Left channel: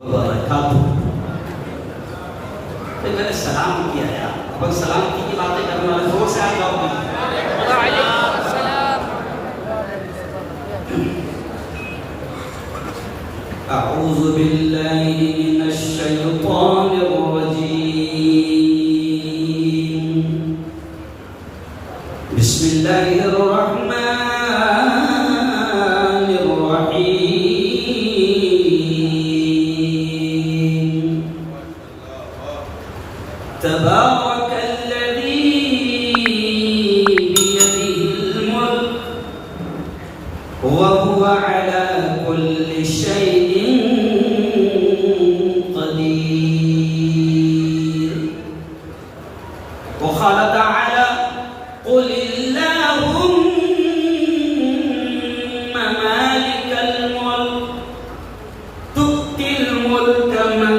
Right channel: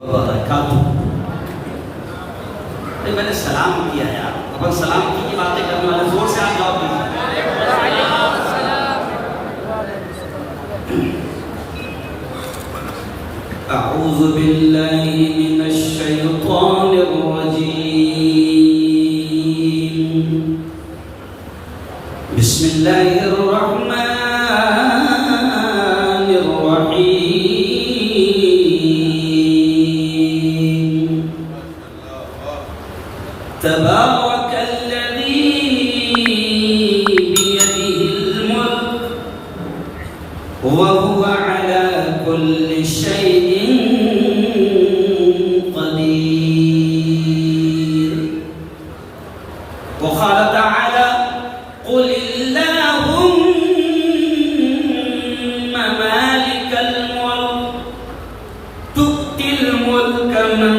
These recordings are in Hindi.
तो मैंने सलाम किया यार, अपन सलामती की बातें करने वाले, जोर से आप जवाब दीजिए। अऊज़ु बिल्लाहि मिनश शैतानिर रजीम। बिस्मिल्लाहिर रहमानिर रहीम। तबारकल्लज़ी बियदिहिल मुल्क व हुवा अला कुल्लि शैइन क़दीर। व क़ाल तआला क़ुलिल्लाहुम्मा मालिकल मुल्क तु'तिल मुल्का मन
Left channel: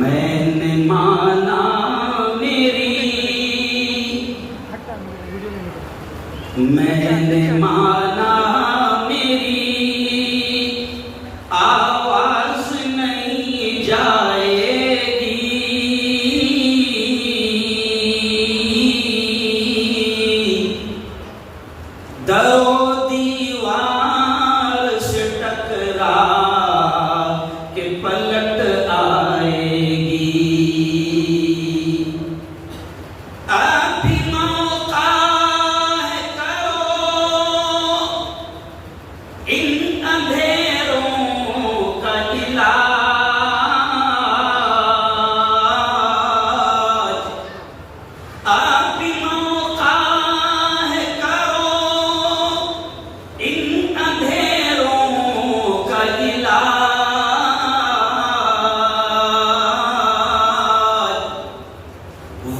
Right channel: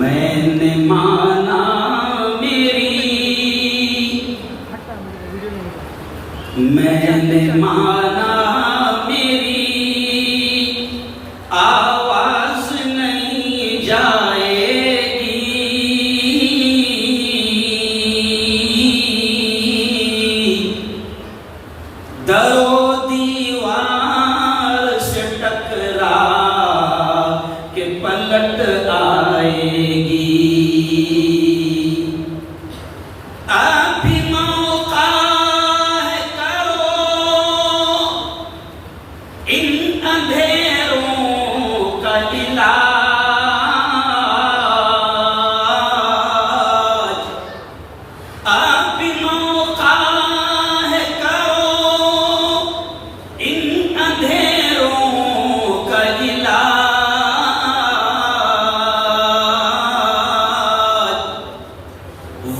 मैंने माना मैंने माना मेरी आवाज नहीं जाएगी, दरो दीवार से टकरा के पलट आएगी।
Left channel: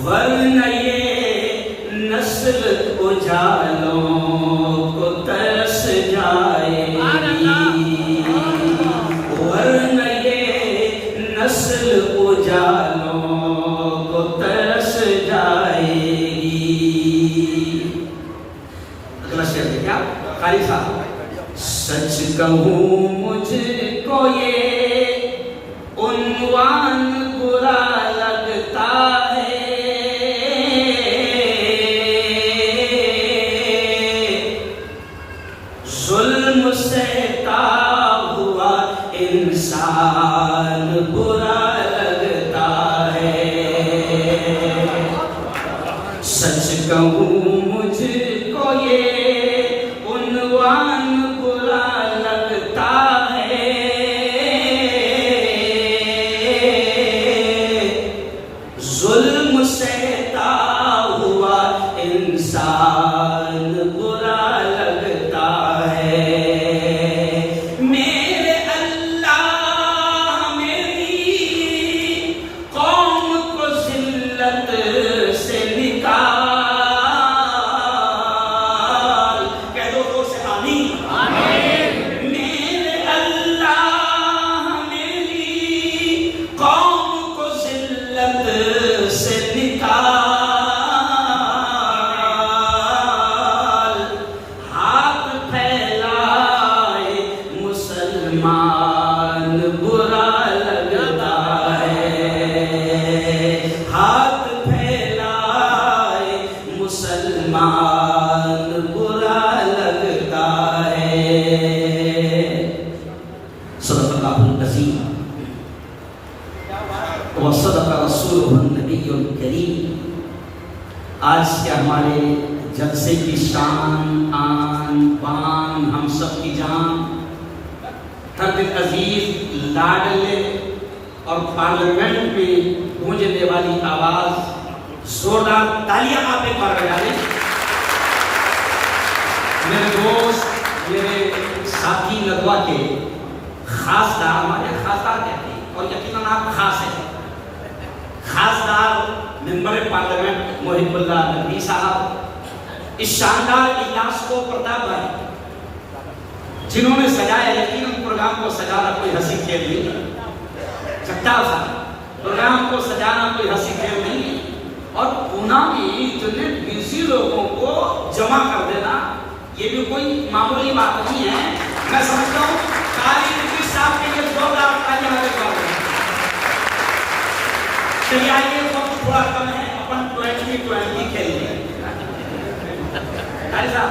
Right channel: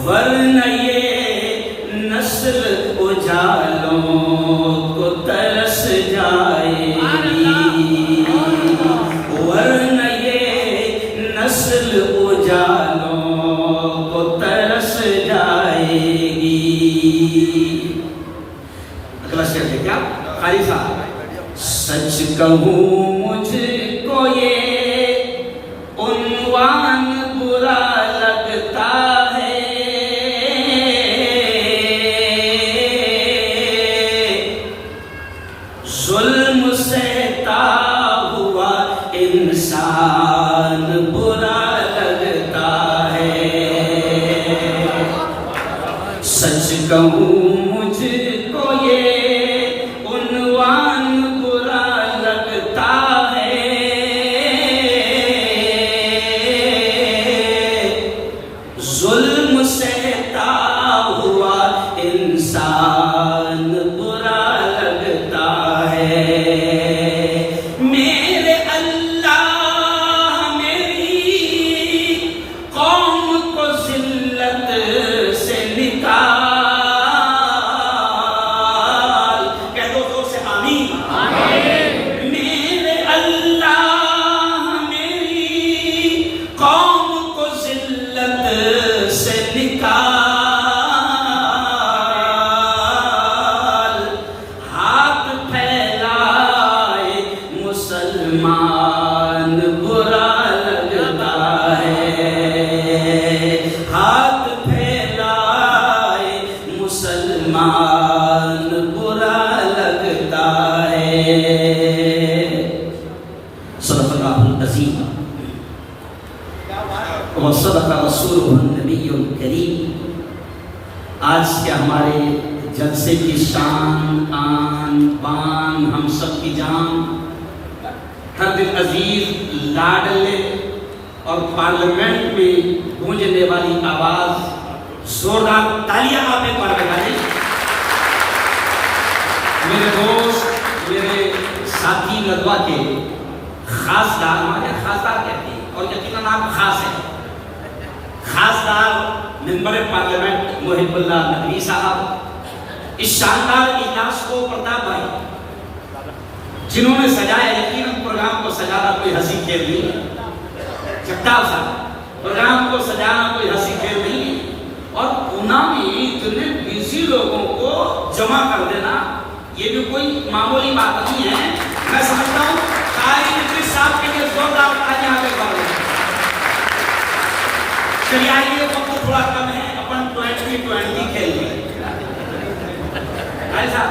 वरना ये नस्ल उजालों को तरस जाएगी, वरना ये नस्ल उजालों को तरस जाएगी। अगला शेर है क्या कारी साहब? सच कहूँ मुझको ये उन्वान बुरा लगता है, जुल्म सहता हुआ इंसान बुरा लगता है। सच कहूँ मुझको ये उन्वान बुरा लगता है, जुल्म सहता हुआ इंसान बुरा लगता है। मेरे अल्लाह मेरी कौम को जिल्लत से निकाल, कह दो जोर से आमीन। मेरे अल्लाह मेरी कौम को जिल्लत से निकाल, मुसलमान बुरा लगता है, हाथ फैलाए मुसलमान बुरा लगता है। सदक़ल्लाहुल अज़ीम व सदक़ रसूलुहुन नबियुल करीम। आज के हमारे जलसे की शान आन बान हम सब की जान, हर दिन अजीज लाडले और पार्लियामेंट में गूंजने वाली आवाज, जोरदार तालियां आप एक बार बजा दें। मेरे दोस्त, मेरे साथी नदवा के खासदार, हमारे खासदार कहते हैं और यकीनन आप खास हैं, खासदार मेंबर पार्लियामेंट मोहिबुल्लाह नदवी साहब, इस शानदार इजलास को प्रताप भाई जिन्होंने सजाया, यकीनन प्रोग्राम को सजाना कोई हंसी खेल नहीं है। जगताप साहब, प्रोग्राम को सजाना कोई हंसी खेल नहीं है और पूना में इतने बिजी लोगों को जमा कर देना ये भी कोई मामूली बात नहीं है। मैं समझता हूँ कारी नदवी साहब के लिए जोरदार तालियां आगे बढ़ रही। चलिए आइए, वक्त थोड़ा कम है, अपन 2020 खेल लें। साहब,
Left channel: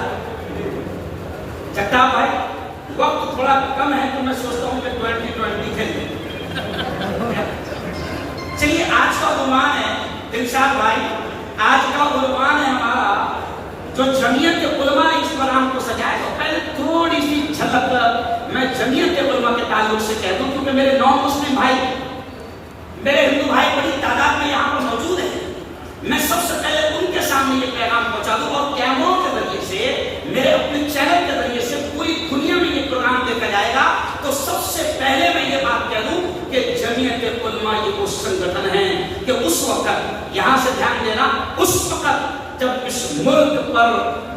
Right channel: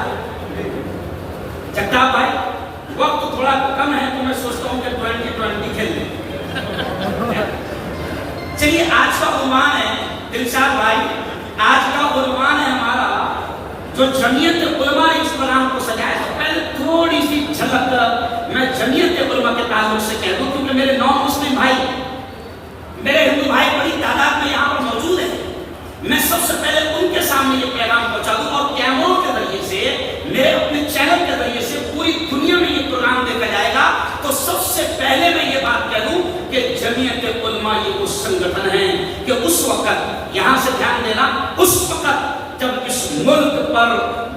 जगताप भाई, वक्त थोड़ा कम है तो मैं सोचता हूं कि 2020 खेल लें। चलिए, आज का उन्वान है दिलशाद भाई, आज का उन्वान है हमारा जो जमीयत उलमा ने इस प्रोग्राम को सजाया। तो पहले थोड़ी सी झलक मैं जमीयत उलमा के ताल्लुक से कह दूं, क्योंकि मेरे नॉन मुस्लिम भाई, मेरे हिंदू भाई बड़ी तादाद में यहाँ पर मौजूद है। मैं सबसे पहले उनके सामने ये पैगाम पहुंचा दूं और कैमरों के जरिए से, मेरे अपने चैनल के जरिए से पूरी दुनिया में ये प्रोग्राम देखा जाएगा। तो सबसे पहले मैं ये बात कह दूं कि जमीयत उलमा ये वो संगठन है कि उस वक्त, यहां से ध्यान देना, उस वक्त जब इस मुल्क पर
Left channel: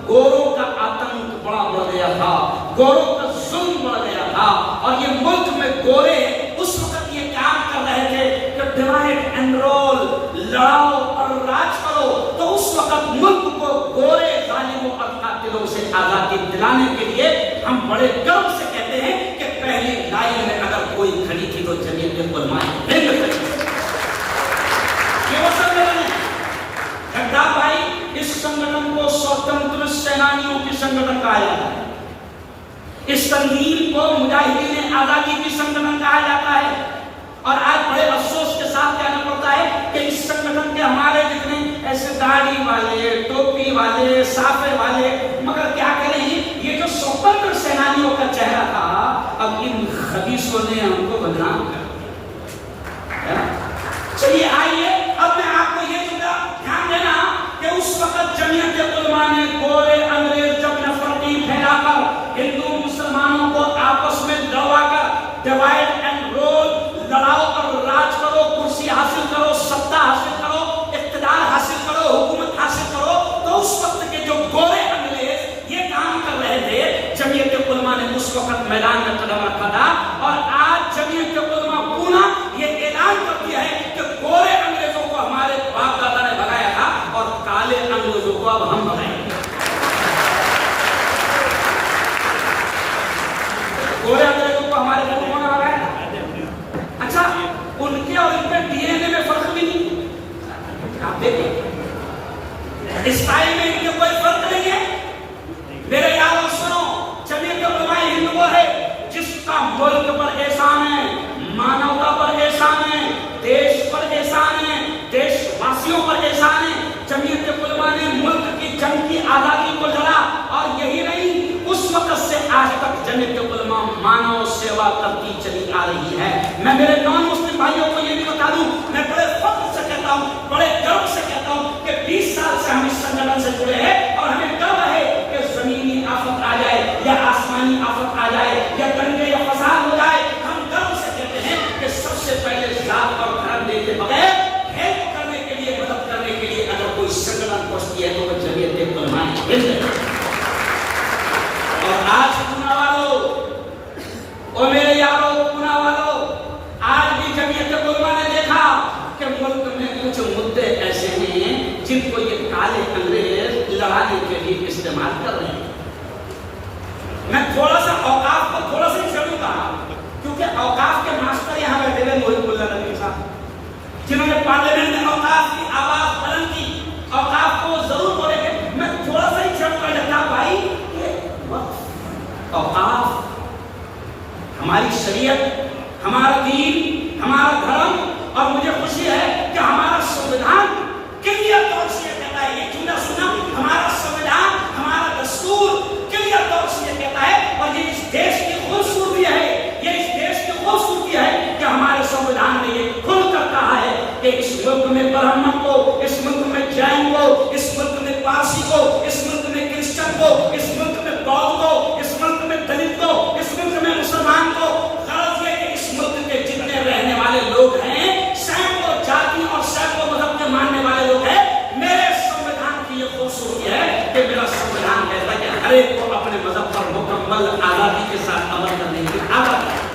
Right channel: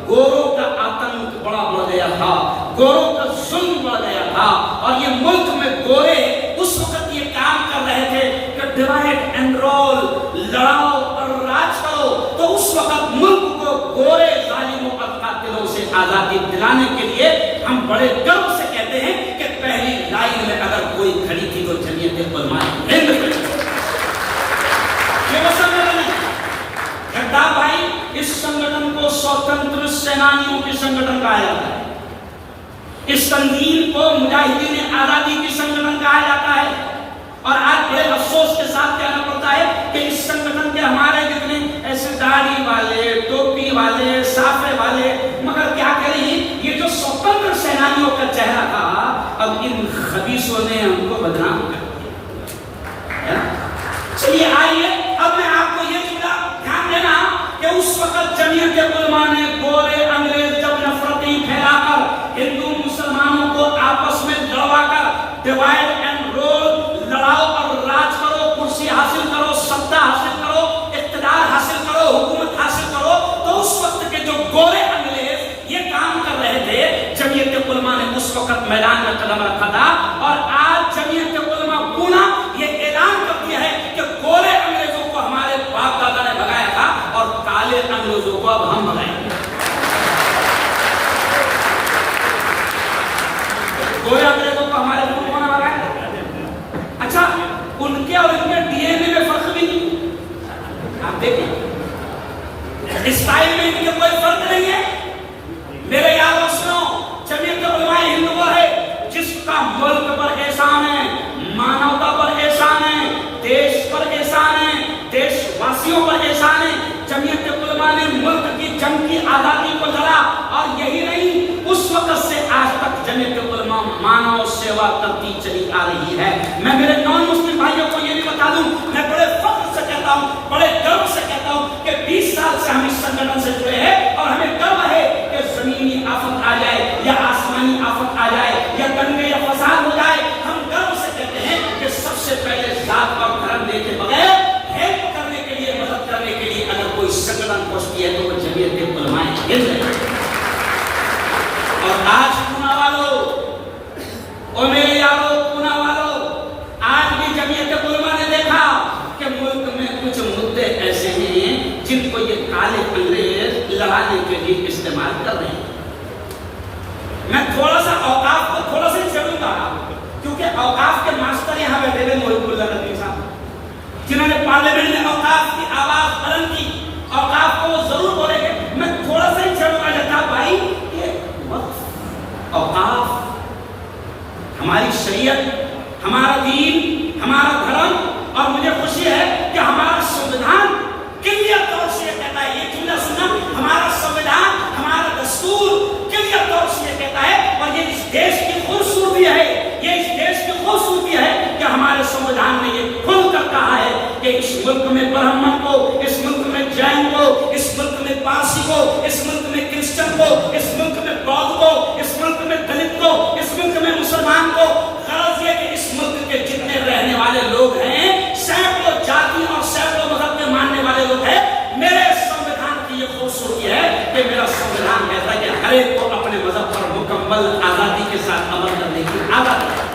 गोरों का आतंक बड़ा बढ़ गया था, गोरों का जुल्म बढ़ गया था और ये मुल्क में गोरे उस वक्त ये काम कर रहे थे कि डिवाइड एंड रोल, लड़ाओ और राज करो। तो उस वक्त मुल्क को गोरे जालिमों और कातिलों से आजादी दिलाने के लिए हम बड़े गर्व से कहते हैं कि पहली लाइन में अगर कोई खड़ी थी तो जमीयत उलमा हिंद खड़ी। ये वो संगठन है जगताप भाई, इस संगठन को स्वतंत्र सेनानियों की संगठन कहा जाता है। इस तंजीम को मुजाहिदीन आजादी की संगठन कहा जाता है। और आज बड़े अफसोस के साथ कहना पड़ता है कि इस संगठन के हमारे जितने ऐसे दाढ़ी वाले, टोपी वाले, साफे वाले, मगर क्या करें, ये जो स्वतंत्र सेनानियों का चेहरा था, अब इन खबीसों ने हमको बदनाम कर दिया। चलिए आइए, अब मैं आपको ये जुमला ध्यान देना कि उस वक्त जमीयत उलमा ने गोरे अंग्रेज जब नफरती फैलाकर हिंदू मुसलमानों को आपस में लड़वाकर डिवाइड एंड रोल, लड़ाओ और राज करो, कुर्सी हासिल करो, सत्ता हासिल करो, इख्तिदार हासिल करो, हुकूमत हासिल करो, तो उस वक्त के जो गोरे अंग्रेज ये काम कर रहे थे, जमीयत उलमा ने उस वक्त मैदान में कदम रखा था। और आज जमीयत उलमा पूना ये ऐलान कर दिया है कि गोरे अंग्रेजों को हमारे बाप दादा ने भगाया था और काले अंग्रेजों को अब हम भगाएंगे। गोरे अंग्रेजों को हमारे पूर्वजों ने भगाया था। अच्छा, उनके और इनके डीएनए में फर्क भी नहीं, आप देखिए स्टाइल में इनके कोई फर्क नहीं है। मेरे यारों सुनो, जमीयत उलमा हिंद वो है जिसका मुल्क पर एहसान है, मानवता पर एहसान है, देश पर एहसान है, देशवासियों पर एहसान है। जमीयत उलमा ने मुल्क की जंग की आजादी को लड़ा और यही नहीं, उस वक्त से आज तक जमीयत उलमा मानव सेवा करती चली आ रही है। मैं मेरे नॉन मुस्लिम भाइयों को ये भी बता दूं, मैं बड़े फख्र से कहता हूं, बड़े गर्व से कहता हूं कि 20 साल से हम इस संगठन से जुड़े हैं और हमें गर्व है कि जमीनी आफत आ जाए या आसमानी आफत आ जाए या दंगे या फसाद हो जाए, हम गर्व से कहते हैं कि सबसे पहले जात पर धर्म देखे बगैर हेल्प करने के लिए, मदद करने के लिए अगर कोई संगठन पहुंचती है तो वो जमीयत उलमा हिंद है। और आज पूना वालों और मेरे यारों, पूना वालों, आज भी जमीयत उलमा ने देखा कि मुल्क में कुछ मुद्दे ऐसे हैं जिनको ये काले अंग्रेज लड़ाने के लिए इस्तेमाल कर रहे हैं। मैं थोड़ा सा औकाफ को थोड़ा सा छेड़ूंगा, क्योंकि औकाफ के मास्टर यहाँ बैठे हुए मोहिबुल्लाह नदवी साहब, जिन्होंने पार्लियामेंट में औकाफ की आवाज बुलंद की, औकाफ को जरूर बोलेंगे। मैं थोड़ा सा ही छेड़ूंगा जगताप भाई कि वक्फ, औकाफ, हमारी शरीयत, हमारा दीन, हमारा धर्म, और मुझे खुशी है कि हमारा संविधान क्लियर तौर से कहता है, ये जुमला सुनना संविधान ने ये खुलकर कहा है कि इस मुल्क में ब्राह्मण को, इस मुल्क में जैन को, इस मुल्क में पारसी को, इस मुल्क में क्रिश्चियन को, इस मुल्क में बौद्ध को, इस मुल्क में दलित को, इस मुल्क में मुसलमान को, गरज ये कि इस मुल्क के जितने रहने वाले लोग हैं, सैकड़ों जाति और सैकड़ों मजहब के मानने वाले लोग हैं, मेरे संविधान की ये खूबसूरती है कि मेरा संविधान कहता है कि हर एक को अपने मजहब पर मुकम्मल आजादी के साथ अमल करने की आजादी है।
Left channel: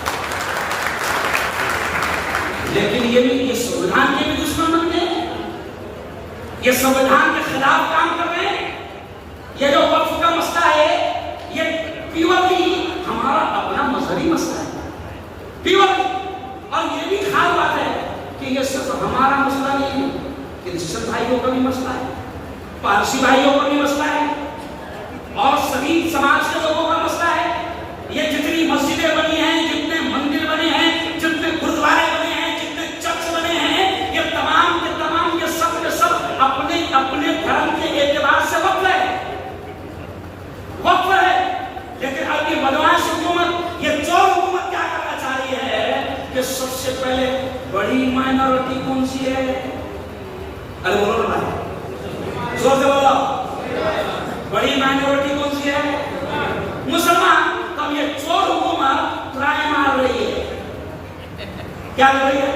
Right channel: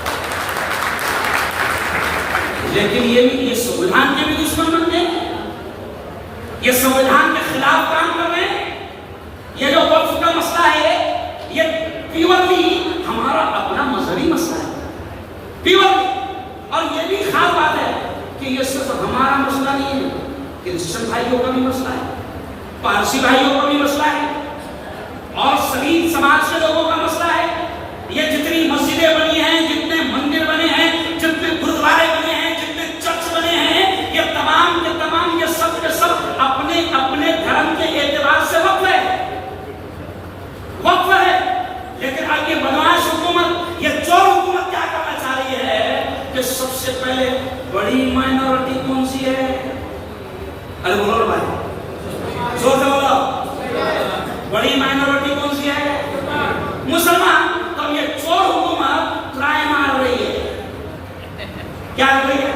लेकिन ये संविधान के भी दुश्मन बन गए, ये संविधान के खिलाफ काम कर रहे हैं। ये जो वक्फ का मसला है, ये प्योरली हमारा अपना मजहबी मसला है, प्योरली। और ये भी खास बात है कि ये सिर्फ हमारा मसला नहीं है, क्रिश्चियन भाइयों का भी मसला है, पारसी भाइयों का भी मसला है, और सभी समाज के लोगों का मसला है। ये जितनी मस्जिदें बनी हैं, जितने मंदिर बने हैं, जितने गुरुद्वारे बने हैं, जितने चर्च बने हैं, ये तमाम के तमाम, ये सब के सब अपने अपने धर्म के एतबार से वक्फ है, वक्फ है। लेकिन अब ये बदमाश हुकूमत, ये चोर हुकूमत क्या करना चाह रही है कि सबसे पहले बड़ी माइनॉरिटी कौन सी है? अरे बोलो ना भाई, जोर से बोलो, बड़ी माइनॉरिटी कौन सी है? मुसलमान। तो ये चोर हुकूमत ट्राई मार रही है, क्या कर रही है?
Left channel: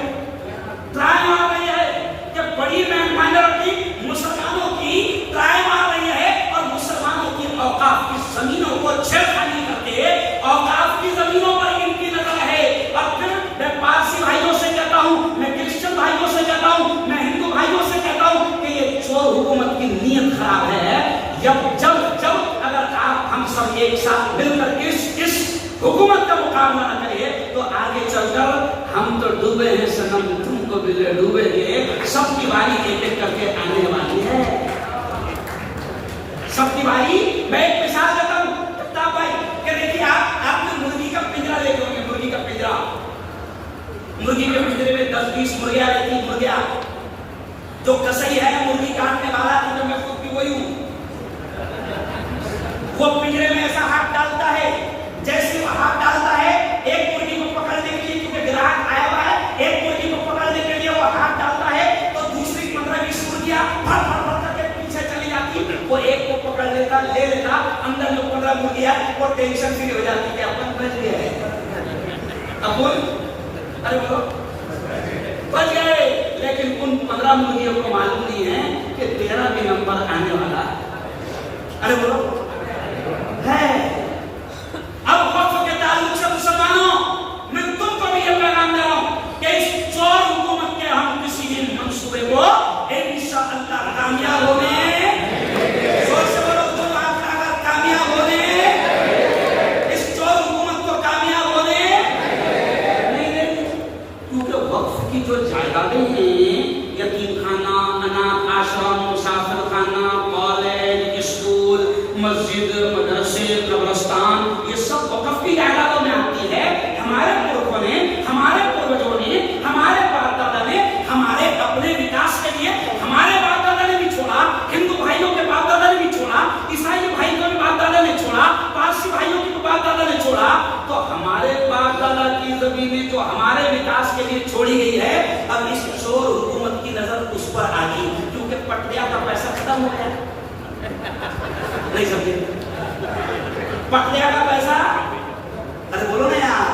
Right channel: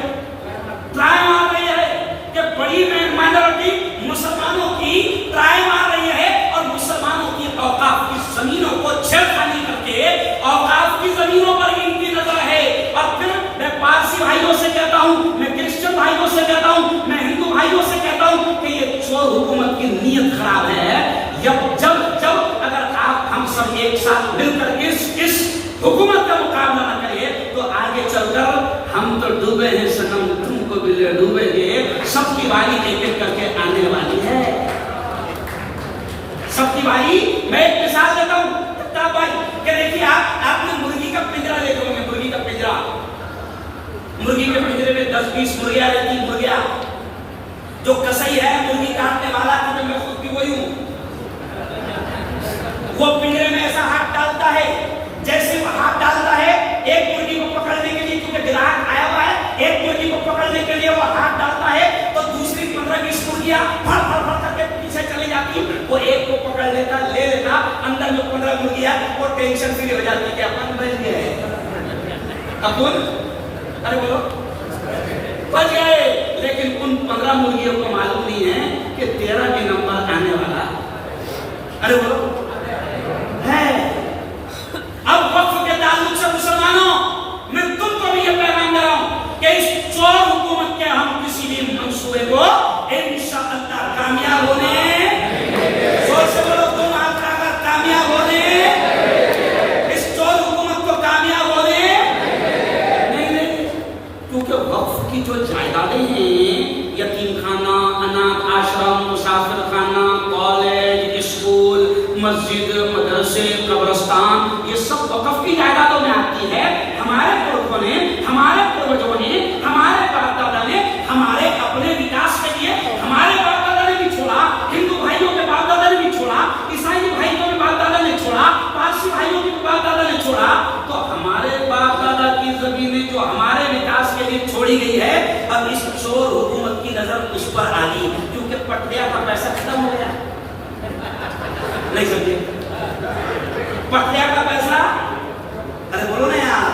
ट्राई मार रही है कि बड़ी माइनॉरिटी मुसलमानों की ट्राई मार रही है और मुसलमानों की औकाफ की जमीनों को छेड़खानी करके औकाफ की जमीनों पर इनकी नजर है। और फिर मैं पारसी भाइयों से कहता हूं, मैं क्रिश्चियन भाइयों से कहता हूं, मैं हिंदू भाइयों से कहता हूं कि ये चोर हुकूमत की नीयत खराब है। जब अगर आप हम सब एक साथ मिलकर इस हुकूमत का मुकाबला न करें तो आगे चलकर हम तो डूबे हैं सनम, तुमको भी ले डूबेंगे। सबकी बारी एक एक करके आने वाली है, सबकी बारी। मैं एक मिसाल देता हूं भाई कि देखिए, आपने मुर्गी का पिंजरा देखे होंगे, मुर्गी का पिंजरा, मुर्गी के पिंजरे में 10-20 मुर्गियां रहती, मुर्गियां। जो कसई है मुर्गी काटने वाला, तो मैं खुद भी वही हूं, वो पिंजरे में ऐसा हाथ डालता है, जैसे वो हाथ डालता है एक मुर्गी को पकड़ने के लिए, क्योंकि ग्राहक आया हुआ है, एक मुर्गी को पकड़ने के लिए वो हाथ डालता है, तो दूसरी 15-20 मुर्गियां फड़ फड़ फड़ करके पीछे चली जाती। वो एक को पकड़ लेता, ले लेता, अंदर जो 15 मुर्गियां, वो टेंशन फ्री हो जाती कि अपन बच गए, अपन, अरे बोलो, बच गए। लेकिन उन 15 मुर्गियों को मालूम नहीं है कि 13 भी नंबर आने वाला, अरे बोलो, है। अब वक्फ के ताल्लुक से मुसलमानों, मैं तुमको भी ये पैगाम दे रहा हूं कि इस चोर हुकूमत के हम किसी भी मंसूबे को इंशाअल्लाह कामयाब होने, जोर से बोलो, तुम हाथ उठाकर कामयाब होने, इस चोर हुकूमत को कामयाब होने नहीं। क्योंकि वक्फ की जो जायदादें हैं, यतीम खाना, अनाथ आश्रम, मुसाफिर खाना, कॉलेज, स्कूल, मस्जिद, मदरसे, कब्रिस्तान, ये सब वक्फ की जायदादों में आती है। हमारे पुरखों ने, हमारे पूर्वजों ने, हमारे बाप दादा ने हमारे अपने विकास के लिए, हमारे बाप दादा ने भी छोड़ा, हिंदू भाइयों के बाप दादा ने भी छोड़ा, ईसाई भाइयों के बाप दादा ने छोड़ा, पारसी भाइयों के बाप दादा ने छोड़ा। तो हमारे बाप दादा की जमीनें जो हमारे विकास के लिए छोड़ी गई है, अब इस चोर हुकूमत की नजर उस पर आ गई, क्योंकि पटरिया का पैसा खत्म हो गया, नहीं समझे? पटरिया का पैसा, अरे बोलो ना यार,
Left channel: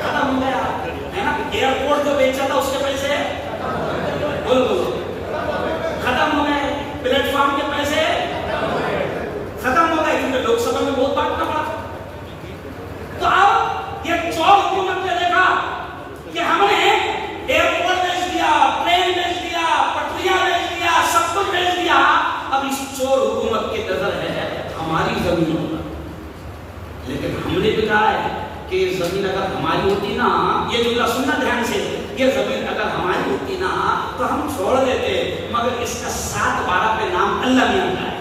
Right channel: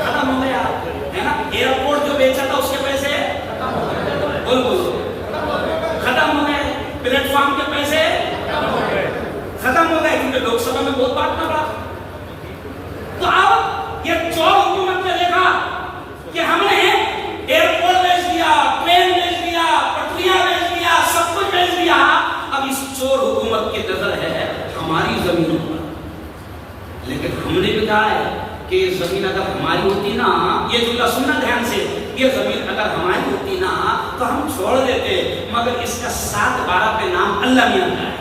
खत्म हो गया है ना। एयरपोर्ट जो बेचा था उसके पैसे, बोलो बोलो, खत्म हो गए। प्लेटफॉर्म के पैसे खत्म हो गए, क्योंकि लोकसभा में बहुत बांटना पड़ा। तो अब ये चोर हुकूमत ने देखा कि हमने एयरपोर्ट बेच दिया, ट्रेन बेच दिया, पटरियां बेच दिया, सब कुछ बेच दिया। अब इस चोर हुकूमत की नजर है हमारी जमीनों पर। लेकिन हमने भी कहा है कि ये जमीन अगर हमारी होती ना, ये जुमला सुनना ध्यान से, ये जमीन अगर हमारी होती ना तो हम छोड़ देते, मगर इसका 7-12 पे नाम अल्लाह मियां का है।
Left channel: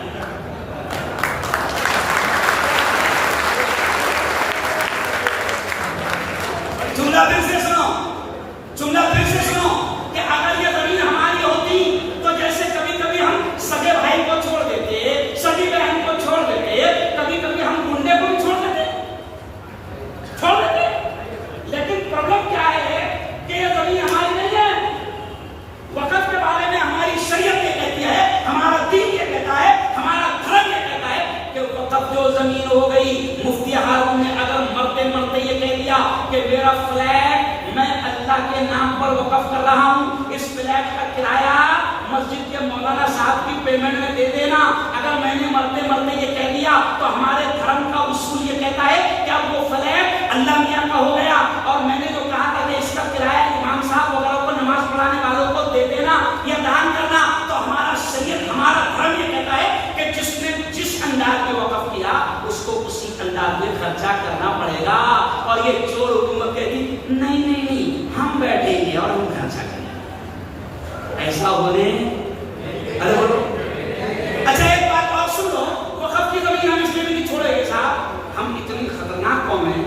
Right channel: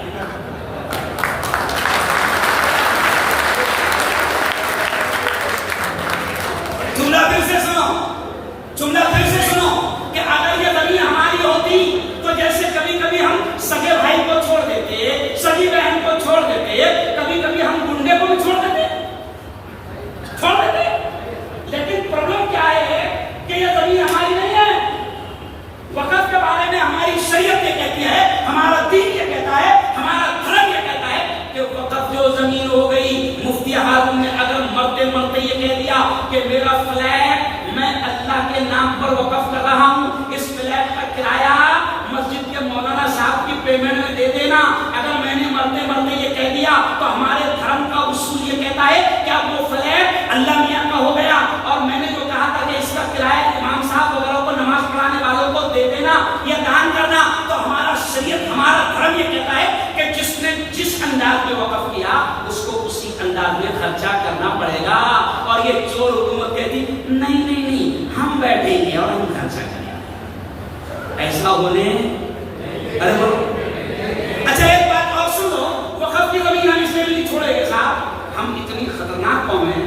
जुमला फिर से सुनो, जुमला फिर से सुनो कि अगर ये जमीन हमारी होती तो जैसे कभी कभी हम सगे भाई को छोड़ देते, सगी बहन को छोड़ देते, कभी कभी हम गुंडे को भी छोड़ देते। लेकिन प्रॉब्लम क्या है कि ये जो जमीन हो गई। मुफ्ती हारून ने अगर मरते मरते ये कह दिया कि मेरा फ्लैट मैं अल्लाह के नाम पर वक़्फ कर रहा हूँ, इस फ्लैट का किराया मस्जिद के मौलाना साहब की पेमेंट में दे देना, अगर मैंने मरते मरते ये कह दिया तो हमारे धर्म का उसूल ये कहता है कि अब वो फ्लैट अल्लाह मियाँ का हो गया। और मैंने जो कहा था कि इसका किराया इमाम साहब वगैरह को, नमाज पढ़ाने वालों को दे देना या दान करना, तो हमारा शरीयत, हमारा धर्म ये कहता है कि जिसने जिस अंदाज में वक़्फ किया उसको उसी अंदाज में खर्चा करना पड़ेगा। और ये चोर हुकूमत कहती नहीं नहीं नहीं, हम बैठेंगे और हम खर्चा करेंगे, ऐसा होने। अरे बोलो। अच्छा एक बात और सुन लो, वक़्फ की जमीन हम इसलिए भी नहीं छोड़ेंगे साहब, हम इतनी खतरनाक कौम है,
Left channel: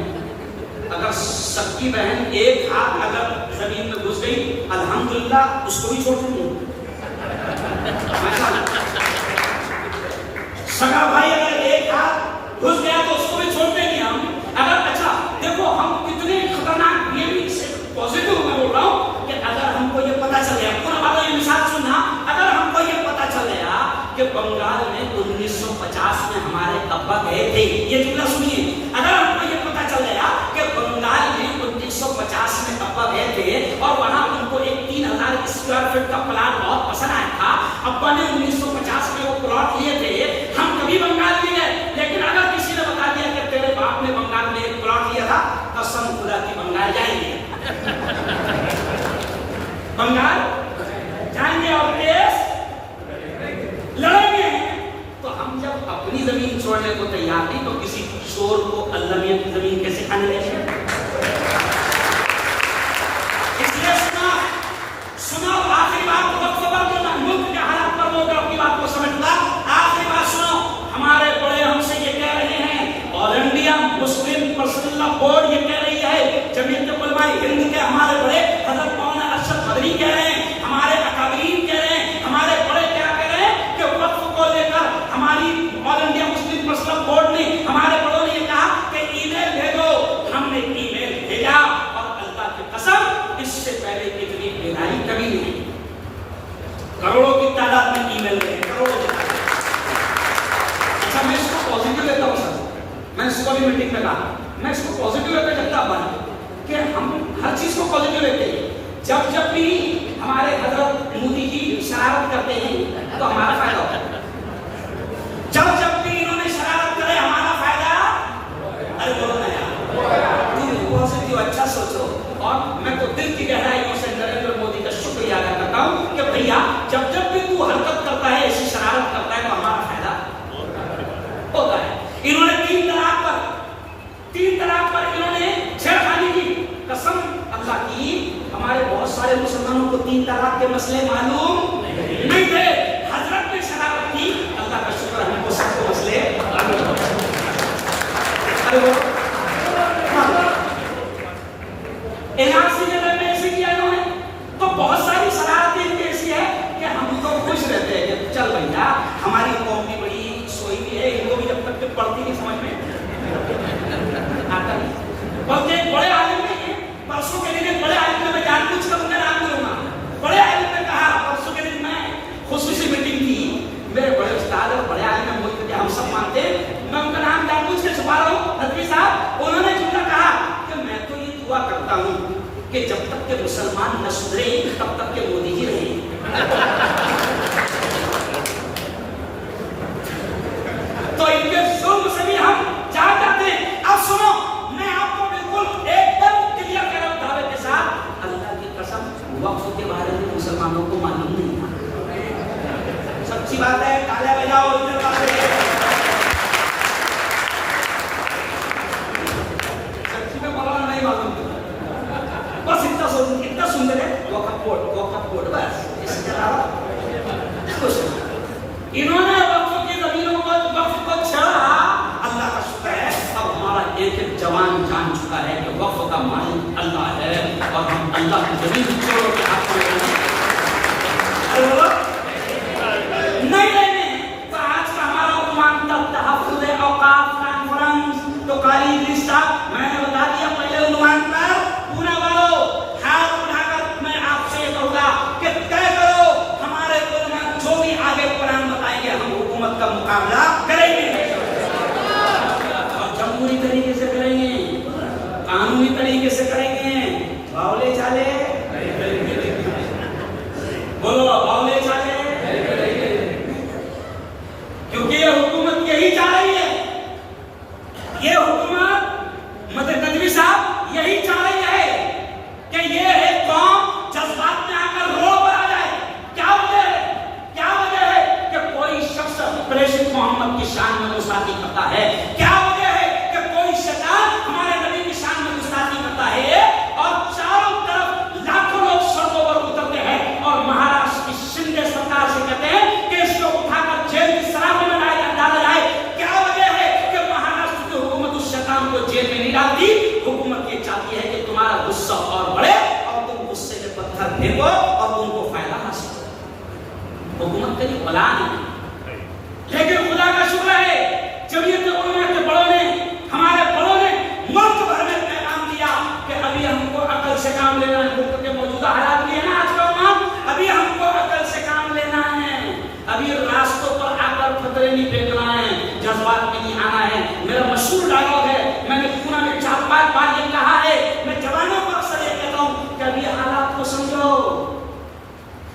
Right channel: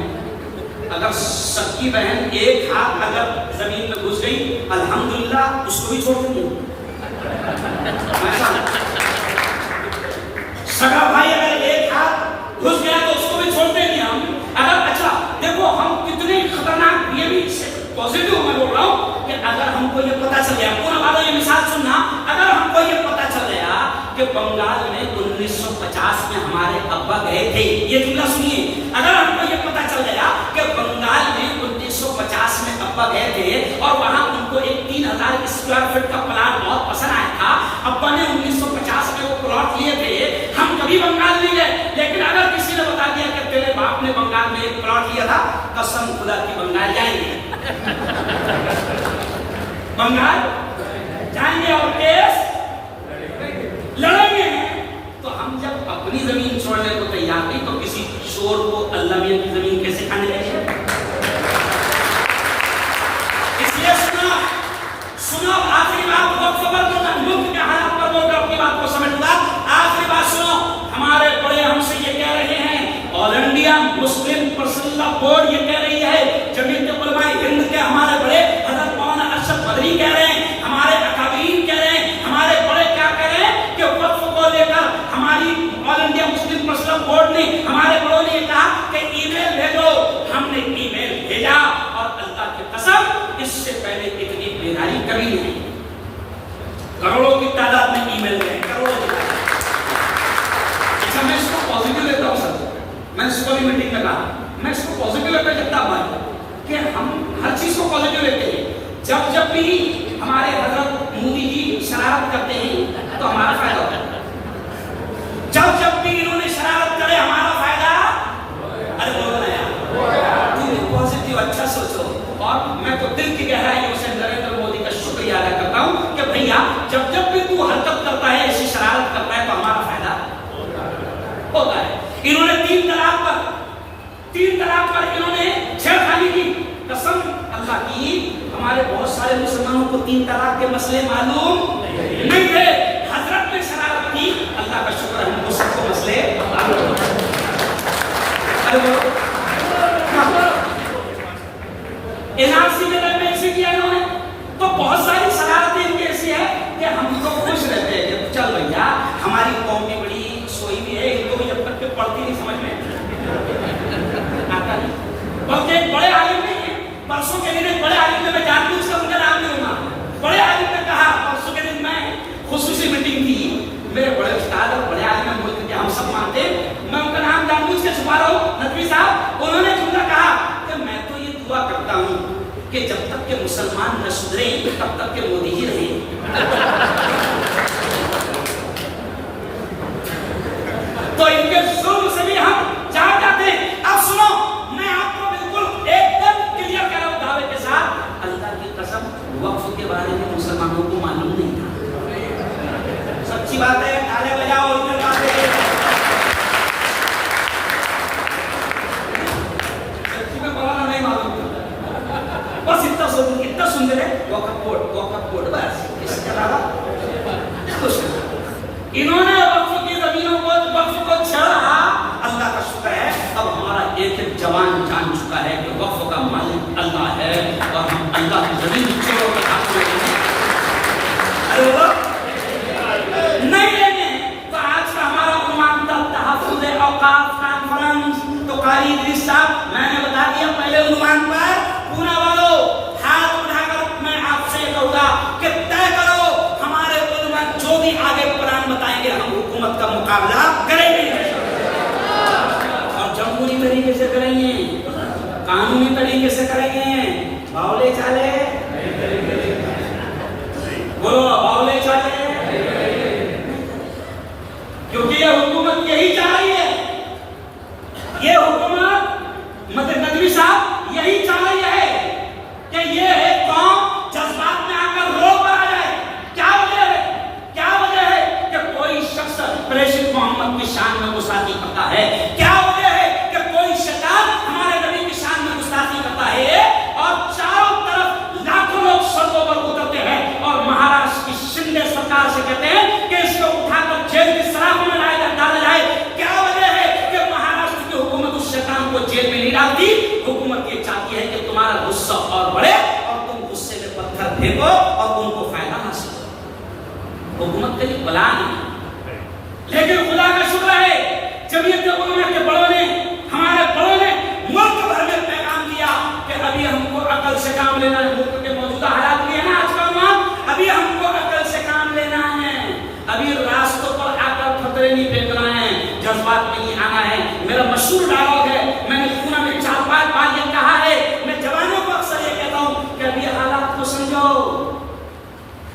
अगर सबकी बहन एक हाथ अगर जमीन में घुस गई अल्हम्दुलिल्लाह उसको भी छोड़ देंगे। सगा भाई अगर एक हाथ घुस गया तो उसको भी छोड़ देंगे हम। अगर अच्छा देखो हम कितने खतरनाक, ये भी पॉजिटिव मैं बोल रहा हूँ कि अगर हमको ये पता चल गया, पूरा वालों ये मिसाल सुनना, अगर हमको ये पता चल गया कि बंगाल में 1950 में हमारे अब्बा गए थे, ये जुमला सुनिए, अगर हमको ये पता चल गया कि बंगाल में 1950 में अब्बा गए थे और वहां उनको एक 3000 स्क्वायर फीट का प्लाट बहुत पसंद आया था, अब्बा ने 1950 में वो प्लॉट लिए थे, हम कभी बंगाल नहीं गए, लेकिन अगर किसी ने बता दिया कि तेरे बाप ने बंगाल में एक प्लॉट लिया था, कसम खुदा की बंगाल जाएंगे। बंगाल जाएंगे और केस लड़ेंगे। तो हम जब अपनी जमीन छोड़ने को तैयार नहीं तो किसी चोर को अल्लाह मियां की जमीन कैसे खाने देंगे? इसलिए सुनो आखिरी बात, वक्फ पर बोलना, मुल्क के हालात पर बोलकर अपनी बात को समझूंगा। आखिरी बात सुनो, हमारे बड़े हमसे ये कह रहे हैं, all India Muslim personal law board ये कह रही है, जमीयत उलमा हिंद के हमारे बड़े हजरत मौलाना अरशद मदनी कह रहे हैं, हमारे अकाबीर कह रहे हैं, हमारे बड़े क्या कह रहे हैं कि वक्फ को लेकर हमारी all India Muslim personal law board ने, हमारे बड़ों ने ये कहा कि ईमेल भेजो। हमने ईमेल भेजा और अल्लाह की कसम इससे पहले इतनी बेदारी कभी नहीं, करोड़ों की तादाद में ईमेल गए, करोड़ों की तादाद। अच्छा मैं इसको पॉजिटिव लेता हूँ सर, मैं इसको भी मीटिंग में कहा, मैं इसको पॉजिटिव लेता जगता भाई कि हम हर चीज को पॉजिटिव लेते हैं। जब जब भी हमारे हजरत मोदी जी शरारत करते हैं तो हमारा फायदा होता है, जब जब भी इन्होंने शरारत करे हमारा फायदा। अरे बोलो ना यार, पॉजिटिव अच्छा सोचो। और मैं तो दिल की गहराइयों से नरेंद्र मोदी का शुक्रिया अदा करता हूं कि भैया जब जब भी तू हरकत करता है, ऐसी शरारत करता है तो हमारा फायदा होता है। इन्होंने तीन तलाक पर इन्होंने छेड़खानी की, कसम अल्लाह की, हमारे बहुत सारे मुसलमानों को 3 तलाक के मसले मालूम नहीं थे, हजरत ने शरारत की, अल्लाह का शुक्र है हमको सबको मसले। अरे वो एनआरसी में ऐसे किया इन्होंने, तो बहुत सारी शरारतें इनकी ऐसी है कि हम तो खुश रहते हैं कि चल भैया हमारी कौम भी बड़ी सोई भी है, इनको भी जब तक के पढ़ती नहीं समझ में आता नहीं। बल्कि एक बड़े आलिम ने, परसों के दिन एक बड़े आलिम ने, मैं जानबूझ कर उनका नाम नहीं लूंगा, बड़े आलिम ने कहा, परसों के दिन मैं खुसूसी मीटिंग की, मेरे बड़े उस्ताद और बड़े आलिम मुल्क के हम सब मानते हैं, मैं उनका नाम जानबूझ के छुपा रहा हूँ, नदवी साहब, उन्होंने जुमला कहा कि मैं तो ये दुआ करता हूँ कि जब तक के मुसलमान न सुधरे तब तक के मोदी ही रहे। तो इनके जुल्म से भी हम जान जाते हैं। अब सुनो, मैं आपको बिल्कुल एकदम क्लियर कर रहा हूं दावे के साथ, अल्लाह की कसम वक्फ के बारे में मुसलमानों को मालूम नहीं था। सच्ची बात है, ताले बजाओ, इधर बातें, सच्ची में बोला नहीं मालूम, बस इतना सुनते रहे, वक्फ बोर्ड बस, इसके अलावा कुछ नहीं। इन्होंने वक्फ की जमीनों को, वक्फ को छेड़ा, अल्लाह का शुक्र है अब हमारा एक एक जवान जान चुका है कि वक्फ का मालिक अल्लाह है और हम अल्लाह की जमीन चोरों के हाथ में हैं। अरे बोलो नहीं लेने तो आज का हमारा उन्वान था तहफ्फुज़ औकाफ कॉन्फ्रेंस। तो कारी इदरीस साहब, मैंने बता दिया पहले उन्वान पर, पूरे वालों हाथ उठाकर मैं आपसे कहूंगा कि तय करो, हमारे उलमा जो भी आगे कुरान बताएंगे हम हुकूमत का मुकाबला करेंगे। मोहम्मद की शान में गुस्ताखी करता है? क्या वजह है कि कोई शैतान हमारे नबी की शान में गुस्ताखी करता है और चारों तरफ लाखों लोग सड़कों पर उतरते हैं और महाराष्ट्र की शिंदे सरकार से कहते हैं कि इसको उठाकर जेल की सलाखों में डाला जाए? क्या वजह है कि महाराष्ट्र की हुकूमत उस शैतान को जेल में नहीं डालती? हुकूमत ये चाहती है कि तुम्हारा गुस्सा और बढ़े और तुम गुस्से में पत्थर फेंको और उनको फायदा हासिल हो। हुकूमत के लिए बला नहीं, लेकिन खुदा का शुक्र है जमीयत उलमा के बड़ों ने, हमारे बड़ों ने मुल्क भर में पैगाम दिया कि अभी हमको अकल से काम लेना है। मुल्क के मौजूदा हालात भी है ना आज का उम्र, अभी हमको अकल से काम लेना है। अभी रास्तों पर आकर खतरे नहीं फेंकना है, जज्बात में नहीं आना है। मेरा मशहूर डायलॉग है, मैंने पूना में 4-5 बार ये कहा है, मैं जवानों को अक्सर ये कहता हूं कि अभी हालात को समझो।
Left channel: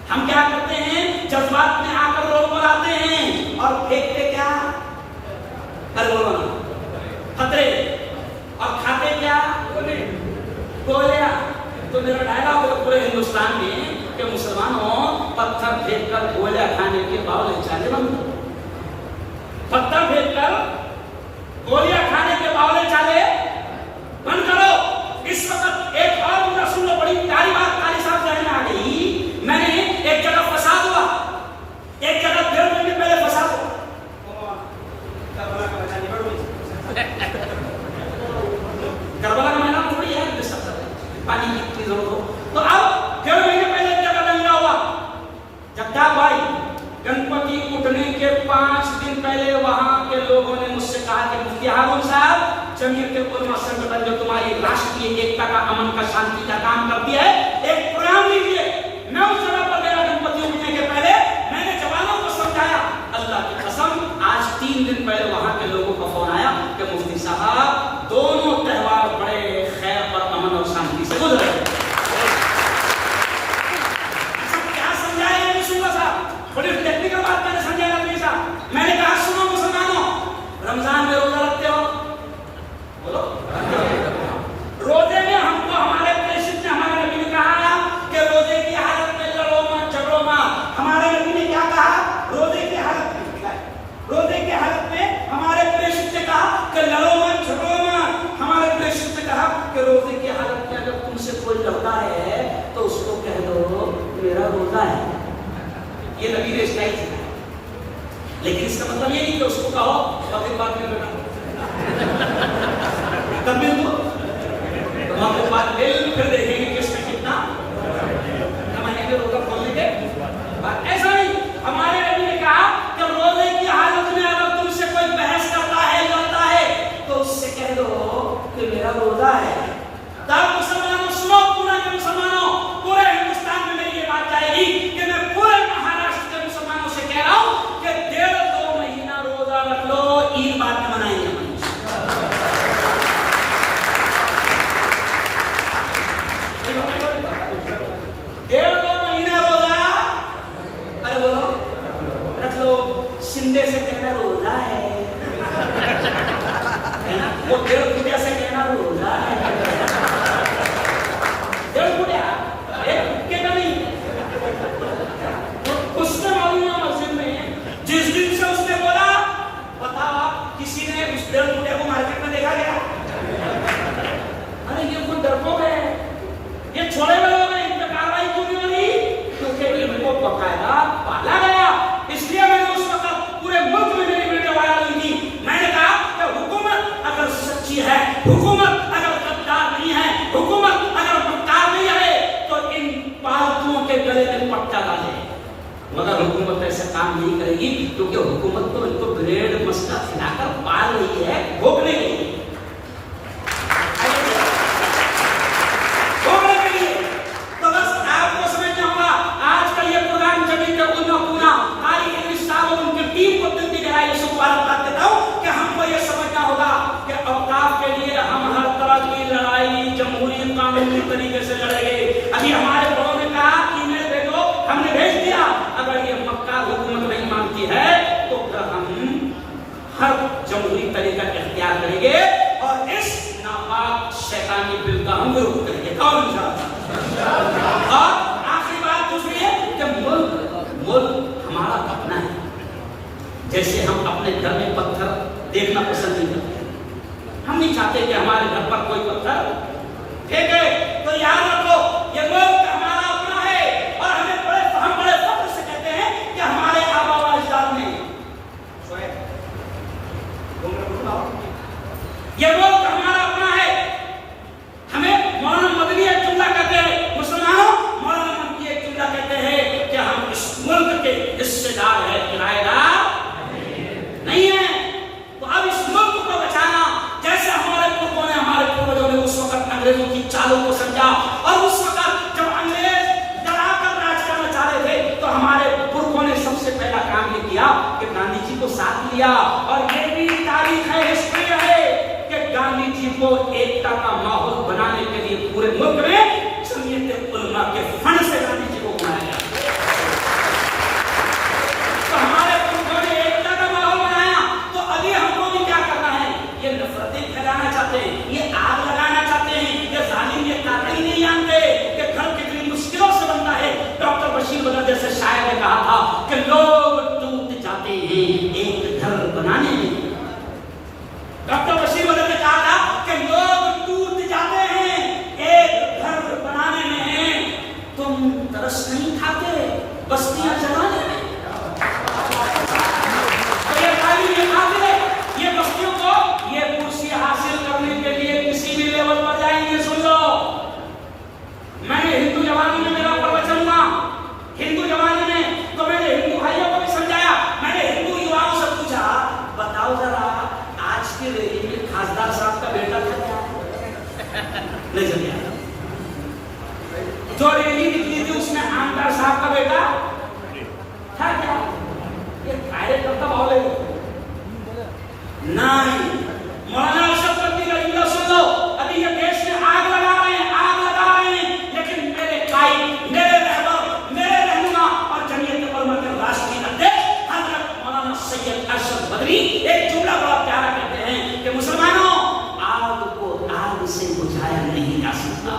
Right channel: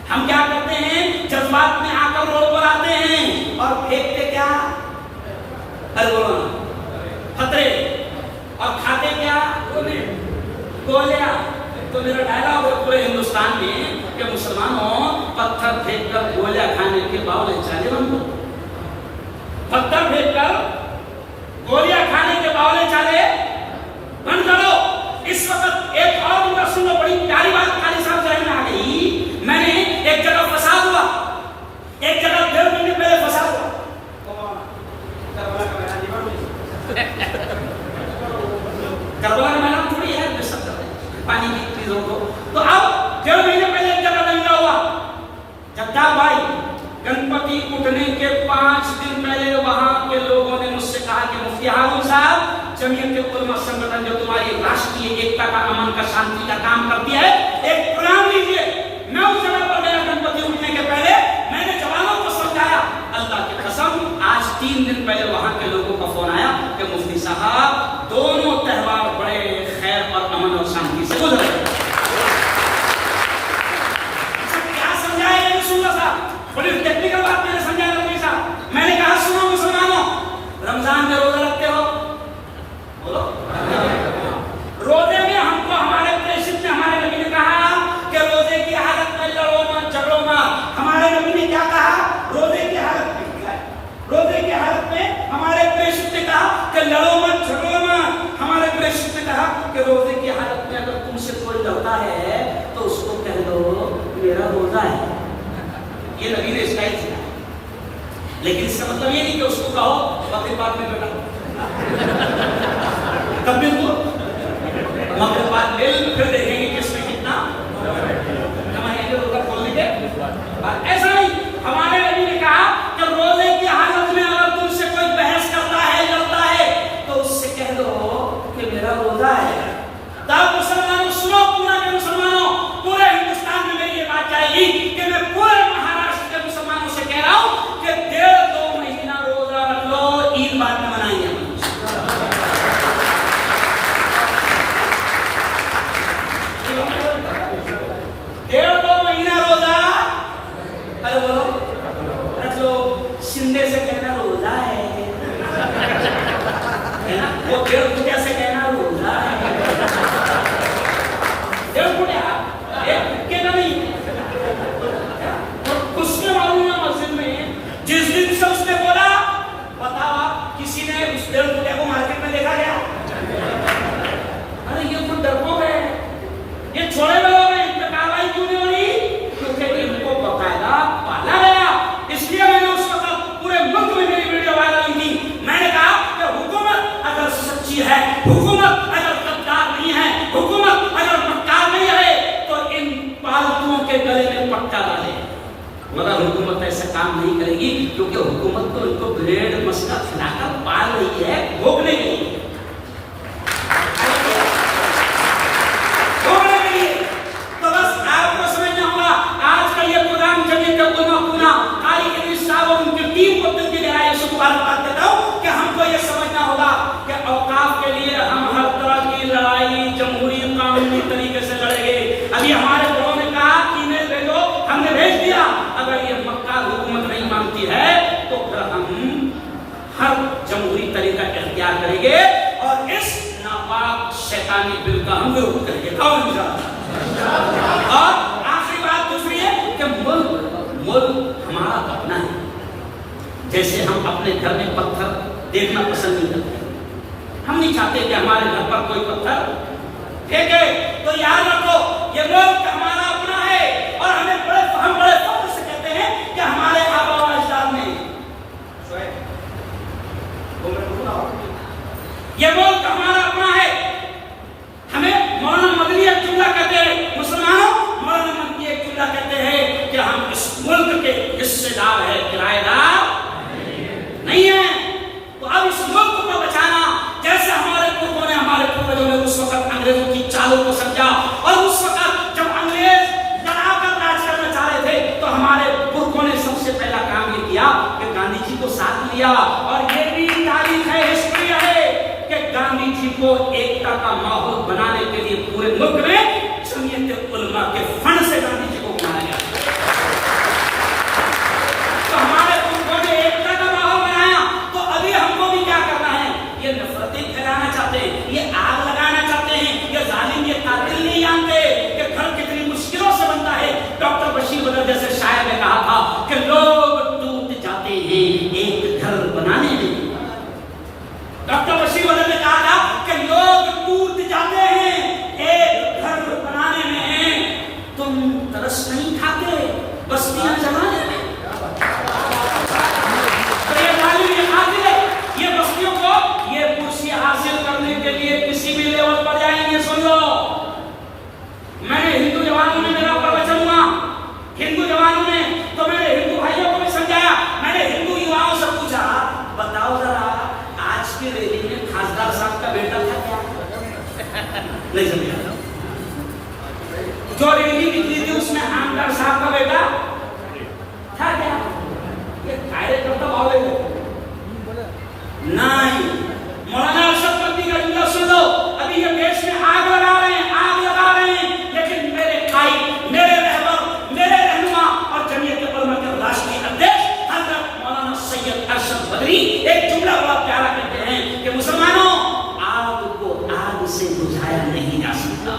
हम क्या करते हैं, जज्बात में आकर रोड पर आते हैं और फेंकते क्या, अरे बोलो ना, खतरे, और खाते क्या, गोलियां। तो मेरा डायलॉग है पूरे हिंदुस्तान में कि मुसलमानों पत्थर फेंककर गोलियां खाने के बावले चाले बंद करो। पत्थर फेंककर गोलियां खाने के बावले चाले बंद करो। इस वक्त एक और मुद्दा सुन लो, बड़ी प्यारी बात कारी साहब जहन में आ गई। मैंने एक जगह फसाद हुआ, एक जगह 1.5 महीने पहले फसाद हुआ। करबला का मैदान थोड़ी है पानी की चीज हो तो अब 1.5 महीने पहले एक जगह दंगा हुआ। जगता भाई, गणपति उठने के 5 दिन पहले वहां के लोगों ने मुझसे कहा कि मुफ्ती हारून साहब, जमीयत उलमा संगठन जो तुम्हारी राष्ट्रीय एकता का, अमन का, शांति का काम करती है, एक प्रोग्राम लीजिए। मैं उस जगह पर गया गणपति उठने के पहले, मैंने जवानों को समझाया। अल्लाह की कसम आज 3 दिन पहले वहां के लोगों का फोन आया कि मुफ्ती साहब दोनों त्योहार बड़े खैर और अमन और शांति से गुजर गए। क्या समझाया ये सुन साहब, बड़ी टेक्निकल बात मैंने समझाया मुफ्ती साहब। मैंने कहा सुनो मुसलमानों, रमजान में रोजा रखते हो? बोलो। रोजे में हमको हमारे प्रेषित ने, हमारे नबी ने कहा कि रोजे की हालत में लड़ो मत, झगड़ो मत। हमारे नबी ने क्या कहा? रोजे की हालत में, रोजे की हालत में हमारे प्रेषित ने कहा कि लड़ो मत, झगड़ो मत। हमारे प्रेषित ने कहा कि रोजे की हालत में अगर तुमसे कोई लड़ता है तो उसको कह दो मेरा रोजा है। ये नबी ने स्टाइल सिखाया, लेकिन इसका मतलब ये नहीं कि उसको कहो मगरिब बाद में बेटा कब मिल दो, मगरिब बाद मिल, फिर देखेंगे किसमें कितना कमाएंगे रोजा खोलने के बाद। ऐसा नहीं, हमारे नबी ने कहा कि रोजे की हालत में अगर तुमसे कोई बहस करता है, लड़ता है, तो उससे कह दो कि मेरा रोजा है। तब मुसलमानों सुनो, पूरा के मुसलमानों, पूरे हिंदुस्तान में मेरी ये बात जाएगी कि मैं पूरे महाराष्ट्र के मुसलमानों से कह रहा हूं कि 1.5-2 महीना रोजा रख लो, ईद बाद में मनाएंगे। 1.5-2 महीना रोजा, अरे बोलो रख लो। शिंदे से कहना रोजा है ना, वो 1.5 फुटिया से कहना रोजा है। 1.5 फुटिया एक फुटके का नहीं, उसने मालूम है मस्जिद में जिस दिन से उसने बोला, बताओ आप किसी ने उस 1.5 फुटिया को मार्केट में देखा गया? अरे ये कुछ डरपोक है, ये छोड़े हुए लोग हैं, इन पर कार्रवाई क्यों नहीं हो रही? क्योंकि इनको बकायदा पाला गया। इसलिए मैंने उस वक्त पूरे मुल्क में मेरी वीडियो वायरल हुई थी। मैंने कहा कि हुकूमत अगर सच्ची है, हुकूमत अगर गद्दार नहीं है, हुकूमत अगर मक्कार नहीं है, तो इन पालतुओं के गले में पट्टा डाले। मगर हुकूमत ऐसा काम नहीं करेगी, क्योंकि हुकूमत तो इनको ब्रेड मस्का खिलाकर पाल रही है, भोगने के लिए। तो बस आपको समझना होगा, आज का ये प्रोग्राम जमीयत उलमा पूना कारी साहब और उनकी टीम को दिल की गहराइयों से मुबारकबाद देता हूं कि हमको ये समझना होगा कि औकाफ के लिए हम हर तरह की लड़ाई जमहूरी कानूनी तरीके से लड़ेंगे। अभी हमारे बड़ों ने कहा ईमेल भेजो, हमने भेज दिया। अगर ये मक्का हुकूमत नहीं मानती है तो फिर हम हर जमहूरी तरीका इख्तियार करेंगे और इस नापाक शैतानी बिल का हम विरोध करेंगे। कौन चाहता? और आखिरी बात दूसरी है कि मुल्क हमारा अपना है, जैसे हम अपने घर में पत्थर देखना पसंद नहीं करते। हम नहीं चाहते कि हमारे घर पर कोई पत्थर फेंके। तो याद रखो, ये मुल्क हमारा अपना है और हम बड़े फख्र से कहते हैं कि हमारे आबा व अजदाद ने ये मुल्क हमारा अपना है। हमें मौलाना मदनी एक जुमला कहते हैं, मुसलमानों मौलाना मदनी एक जुमला कहते हैं कि हम इस मुल्क के हिस्सेदार है, किराएदार नहीं है। तो अब इस मुल्क को बचाना, जैसे हमारे पूर्वों ने, हमारे पूर्वजों ने उस वक्त अंग्रेजों की चालों को समझा और उस वक्त जब अंग्रेज लड़ाकर राज करना चाह रहे थे तो हमारे पुरखों ने सबसे पहला काम ये किया कि गांधी जी को साथ लिया। और ये भी तारीख है, हिस्ट्री है कि गांधी जी को एकता का माहौल बनाने के लिए पूरे मुल्क में जमीयत उलमा के फंड से गांधी जी को बनाया गया। तो हमारे पुरखों ने एकता का माहौल बनाया। तो अभी हमको भी क्या करना है? ये नफरतें फैलाना चाहते हैं, ये आग लगाना चाहते हैं, ये जालिम, ये कातिल नहीं जानते कि घर कितनी मुश्किलों से बनता है। डॉक्टर बशीर बदर जैसे शायर ने कहा था कि लोग टूट जाते हैं एक घर बनाने में। डॉक्टर बशीर बदर ने कहा था कि लोग टूट जाते हैं एक घर बनाने में, तुम तरस नहीं खाते बस्तियां जलाने में। तो ये जालिम, ये कातिल, ये बस्तियों को ये कुर्सी हासिल करने के लिए किसी भी लेवल पर जाएंगे। सुन लो, मैंने हिंदू जवानी में मेरा प्रवचन हुआ, हिंदू जवानी में, तो मैंने हिंदू भाइयों को भी समझाया। मैंने हिंदू युवाओं से पूछा, बताओ जरा आज की रैली में खासदार साहब का बेटा था क्या? नहीं समझा। जो रैली निकली थी उसमें आमदार साहब का बेटा था क्या? ये कार्यकर्ता भाव नहीं। मौलाना अरशद बद्री का जुमला सुन लो, अभी ये देश में आग लगा रहे हैं, आग लगा रहे हैं, लेकिन मेरे कायद, मेरे रहबर, मेरे रहनुमा और जमीयत उलमा के राष्ट्रीय अध्यक्ष हजरत मौलाना सैयद अरशद बद्री एक जुमला बड़ा प्यारा कहते हैं कि मुसलमानों, आग को आग से बुझाया नहीं जा सकता।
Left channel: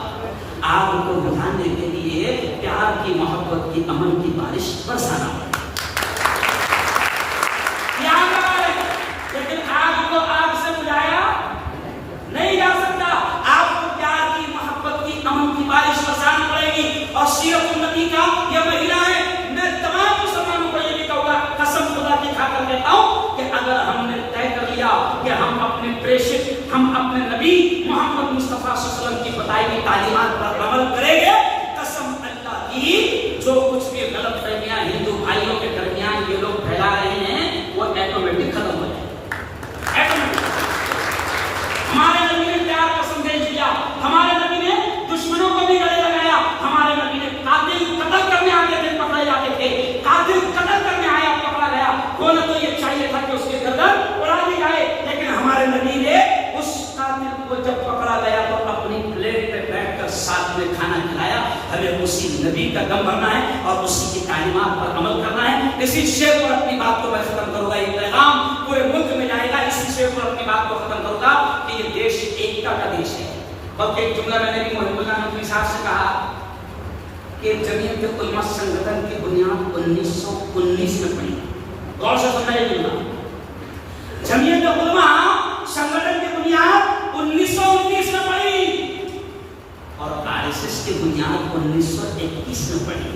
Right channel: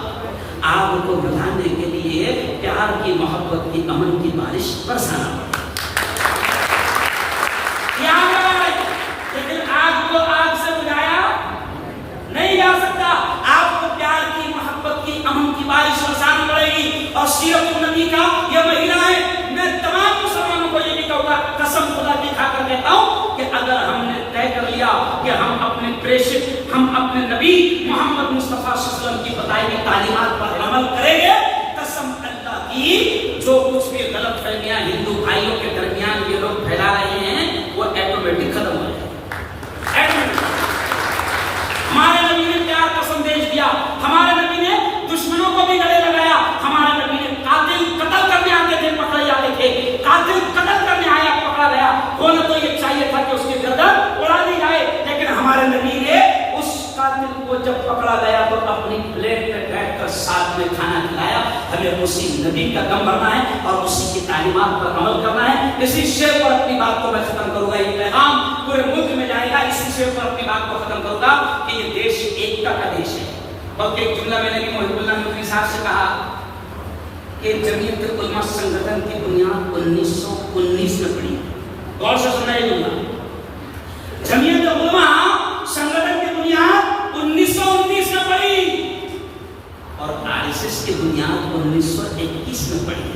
आग को बुझाने के लिए प्यार की, मोहब्बत की, अमन की बारिश बरसाना पड़े। लेकिन आग को आग से बुझाया नहीं जा सकता। आपको प्यार की, मोहब्बत की, अमन की बारिश बरसानी पड़ेगी। और सीरत नबी का ये महीना है। मैं तमाम मुसलमानों को ये भी कहूंगा, कसम खुदा की खाकर कहता हूं कि अगर हमने तय कर लिया कि हम अपने प्रेषित, हम अपने नबी मोहम्मद मुस्तफा सल्लल्लाहु अलैहि वसल्लम की बताई गई तालीमात पर अमल करेंगे, कसम अल्लाह की, जो कुछ भी गलत फहमियां हिंदू भाइयों के दरमियान ये लोग फैला रहे हैं वो ऑटोमेटिक खत्म हो जाएगा। हमारे नबी ने प्यार का संदेश दिया, हमारे नबी ने दुश्मनों को भी गले लगाया, हमारे नबी ने कातिल कत्ल करने आते थे, पकड़े जाते थे, कातिल कत्ल करने आया पकड़ा गया, बोले तो ये चाहिए था कि उसके गर्दन उड़ा दी जाए, लेकिन हमारे नबी ने उस कातिल को जब पकड़ा गया तो अपनी प्लेट पे बैठकर साथ में खाना खिलाया। हमें उसी नबी का दम भरना है और उसी की तालीमात पर अमल करना है। इसी शेर पर अपनी बात को मैं खत्म करूंगा, ये पैगाम पूरे मुल्क में जाएगा। इसी शेर पर अपनी बात को खत्म करूंगा कि ये देश एकता का देश है। बल्कि एक जुमला मैंने भी मोहिबुल्लाह नकवी साहब से कहा कि जमीयत उलमा संगठन की बुनियाद 1919 में पड़ी। गौर से सुनना ये जुमला, जमीयत उलमा संगठन की बुनियाद 1919 में पड़ी और आरएसएस की बुनियाद 1921 में पड़ी।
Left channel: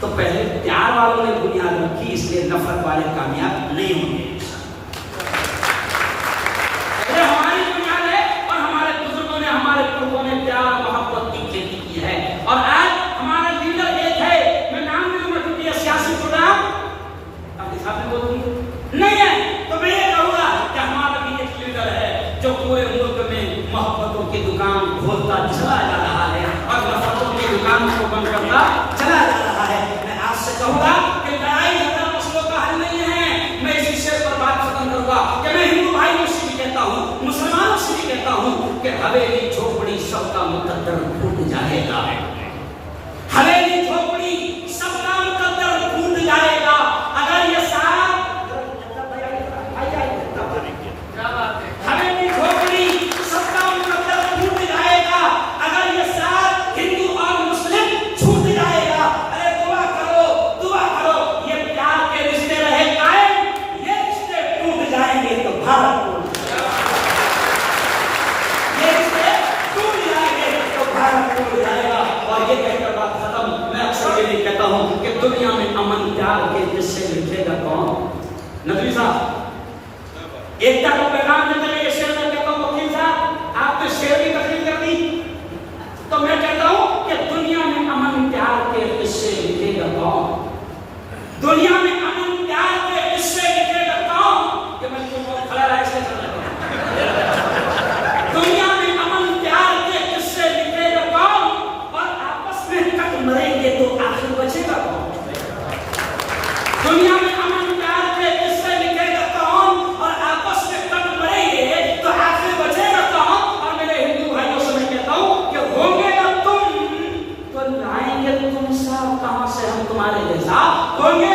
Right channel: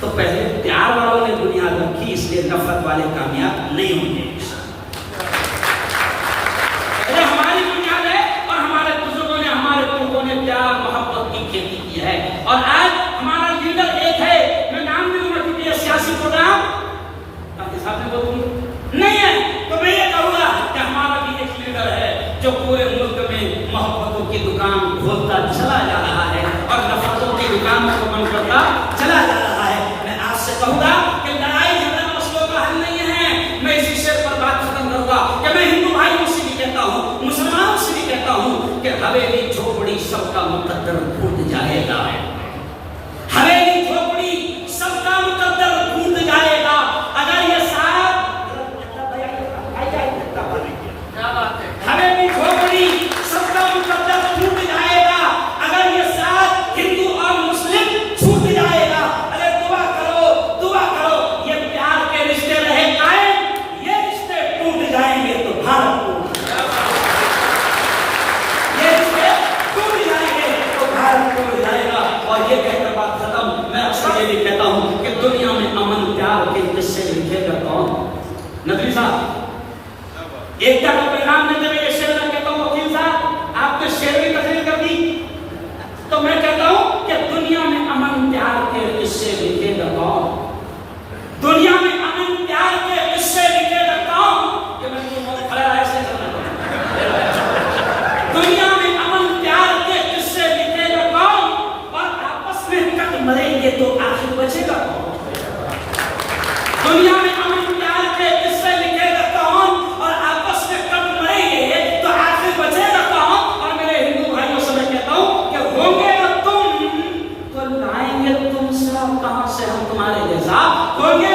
तो पहले प्यार वालों ने बुनियाद रखी, इसलिए नफरत वाले कामयाब नहीं होंगे। पहले हमारी बुनियाद है और हमारे बुजुर्गों ने, हमारे पुरखों ने प्यार मोहब्बत की खेती की है। और आज हमारा लीडर एक है, मैं नाम नहीं लूंगा क्योंकि यह सियासी प्रोग्राम आपके सामने बोलूंगी नहीं है, तो मैं ये कहूंगा कि हमारा भी एक लीडर है जो पूरे मुल्क में मोहब्बतों की दुकान खोलता चला जा रहा है और नफरतों की दुकान को बंद करता चला जा रहा है। मैं आपसे कहूंगा कि लड़ाई झगड़ा मसलों का हल नहीं है। मैं इसी शेर पर बात खत्म करूंगा कि मैं हिंदू भाइयों से भी कहता हूँ, मुसलमानों से भी कहता हूँ कि हवेली झोपड़ी सबका मुकद्दर फूट जाएगा। हवेली झोपड़ी सबका मुकद्दर फूट जाएगा अगर ये साथ हवेली झोपड़ी सबका मुकद्दर फूट जाएगा अगर ये साथ हिंदू और मुस्लिम छूट जाएगा। अरे दुआ करो, दुआ करो, ये प्यार के रिश्ते रहे कायम, भारत को ये रिश्ते टूट जाएंगे तो भारत टूट जाएगा। और ये कहकर बात खत्म। मैं अक्सर ये भी कहता हूं कि दुनिया में अमन प्यार के किस्से लिखेगा कौन? नदवी साहब एकता का पैगाम लेते हुए ये शेर मैं कहता हूं, वकील साहब आपने शेर की तकरीर कर दी, तो मैं कहता हूं कि दुनिया में अमन प्यार के किस्से लिखेगा कौन? दुनिया में अमन प्यार के किस्से लिखेगा कौन? कि मैं बहुत खड़ा रहा ऐसे चलना दुनिया में अमन प्यार के किस्से लिखेगा कौन? और आपस में कट मरेंगे तो आखिर बचेगा कौन? दुनिया में अमन प्यार के किस्से लिखेगा कौन? और आपस में कट मरेंगे तो आखिर बचेगा कौन? और मेरे हिंदू भाइयों से मैं कहता हूं कि होंगे ना तुम तो लाएंगे तुम सब कहां से हम तुम्हारे जैसा? होंगे